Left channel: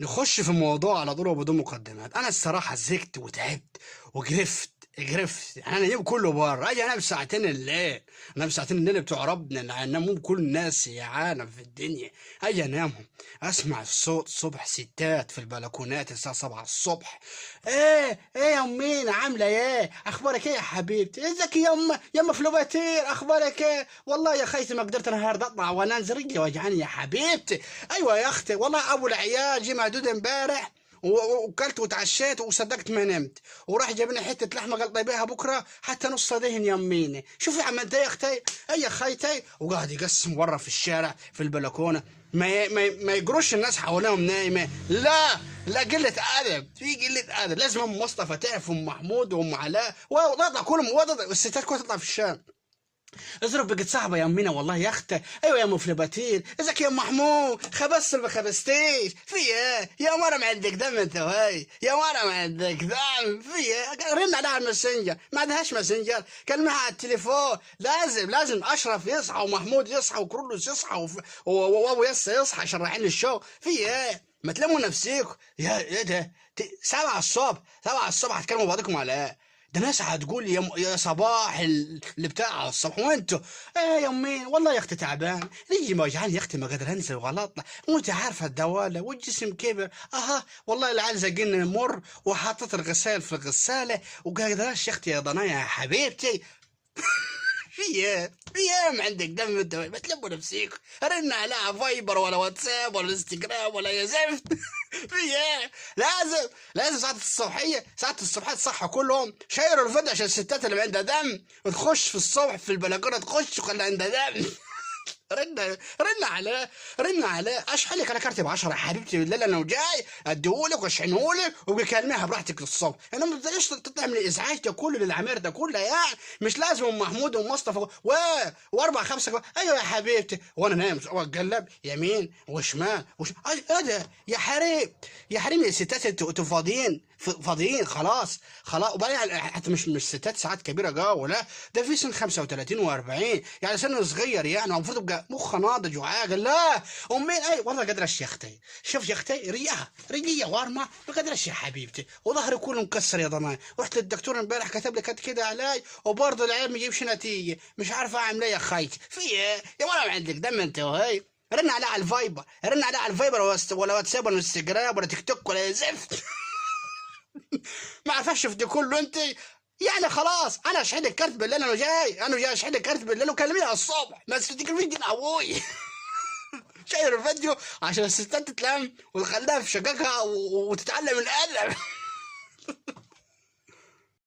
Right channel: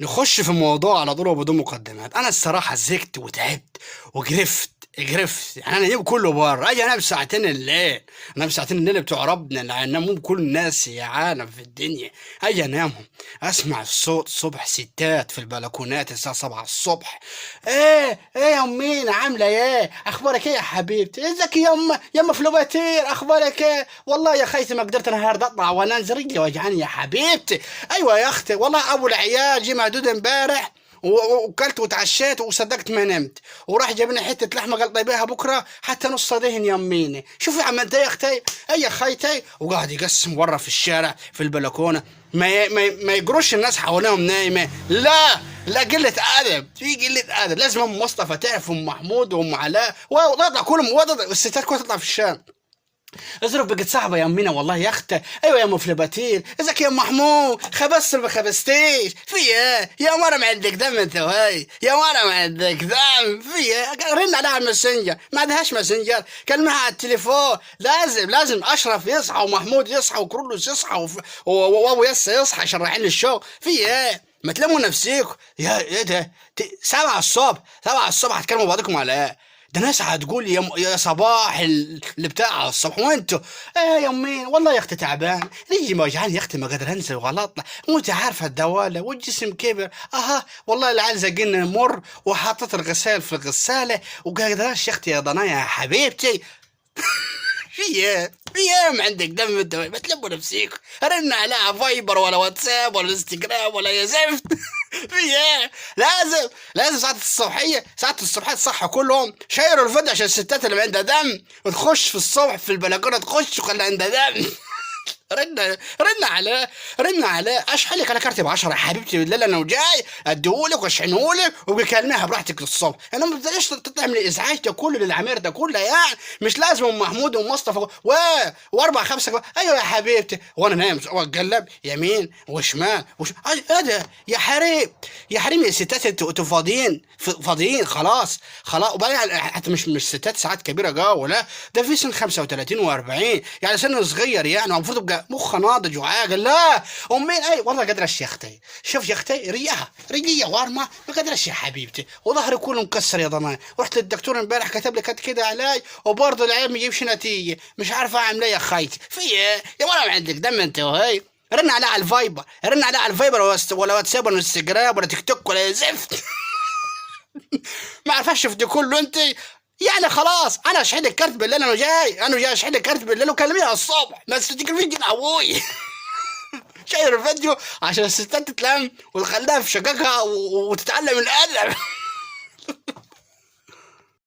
نخش في الموضوع على طول وبدون مقدمات. انا الصراحه زهقت وتعبت وقرفت يعني. انا اجيب كله بره، اجي انام ساعتين الليل، انام ساعتين الليل بتوع ربنا اللي هينامهم كل الناس يا عالم في الدنيا. اجي انامهم اسمع الصوت صبح ستات في البلكونات الساعه 7 الصبح. ايه يا امينه عامله ايه؟ اخبارك ايه يا حبيبتي؟ ازيك يما فلوباتير؟ اخبارك ايه؟ والله يا خيتي ما قدرت النهارده اطلع وانزل، رجلي وجعاني يا حبيبتي. ايوه يا اختي، والله ابو العيال جه مهدود امبارح وكلت وتعشيت وصدقت ما نمت، وراح جاب لنا حته لحمه قال طيبيها بكره حتى نص دهن يميني. شوفي عملت ايه يا اختي؟ اي يا خيتي. وقاعد يقسم ورا في الشارع في البلكونه، ما يجروش الناس حواليهم نايمه. لا قله ادب، في قله ادب. لازم ام مصطفى تعرف ام محمود وام علاء وتطلع كلهم والستات كلها تطلع في الشارع. اظرف بقت صعبة يا أمينة والله يا أختي. أيوة يا مفلباتير، ازيك يا أم محمود؟ خبزت ما خبزتيش؟ في إيه؟ يا مرة ما عندك دم أنت وهي، يا مرة ما عندك دم في إيه؟ رن عليها على الماسنجر، ما عندهاش ماسنجر، كلمها على التليفون. لازم أشرف يصحى ومحمود يصحى وكرولوس يصحى وأبو ياسر يصحى عشان رايحين للشغل. في إيه؟ ما تلموا نفسيكم يا إيه ده؟ 7 الصبح، 7 الصبح هتكلموا بعضكم على إيه؟ ده ناس هتقول يا صباح اللي بتاع الصبح وانتوا. ايه يا امي والله يا اختي تعبان، رجلي موجعان يا اختي، ما قادر انزل وغلط. وانت عارفه الدواله والجسم كبر. والله العيال زقنا مر وحطت الغسال في الغساله وقادراش يا اختي يا ضنايا يا حبيبتي. في ايه ما عندك دم انت؟ ما تلموا نفسيكم. رن عليها فايبر ولا واتساب ولا انستجرام ولا يا زفت. في ايه؟ لازم ساعة الصبحية تصحوا كلهم شيروا الفيديو عشان الستات اللي عندها دم وتخش في الصبح في البلكونة تخش وخلي عندها دم. رن عليه اشحن لك انا كارتي ب 10 يا حبيبتي بالليل، انا وجاي اديهولك واشحنهولك وبكلمها براحتك للصبح. انا ما بديش تطلع من الازعاج ده كله للعمير ده كله يعني. مش لازم ام محمود ومصطفى واربع خمسه ايوه يا حبيبتي وانا نايم واتقلب يمين وشمال ايه ده يا حريم؟ يا حريم يا ستات انتوا فاضيين خلاص. وبعدين حتى مش ستات ساعات كبيره جو، لا ده في سن 35 و40 يعني سن صغير يعني، المفروض يبقى مخ ناضج وعاقل. لا امين اي والله قدرش يا اختي. شوف يا اختي رجليه وارمه ما قدرش يا حبيبتي، وظهري كله مكسر يا ضناي. رحت للدكتور امبارح كتب لي كده علاج وبرضه العيب ما يجيبش نتيجه، مش عارف اعمل ايه يا خيتي. في ايه يا ولا ما عندك دم انت وهي؟ رن عليه على الفايبر، ولا واتساب ولا انستجرام ولا تيك توك ولا زفت. ما عرفش شفت كله انت يعني. خلاص انا اشحن لك كارت بالليل، انا جاي اشحن لك كارت بالليل وكلميها الصبح، ما تفتكريش جن ابوي. شاير الفيديو عشان الستات تتلم وتخليها في شققها وتتعلم الادب.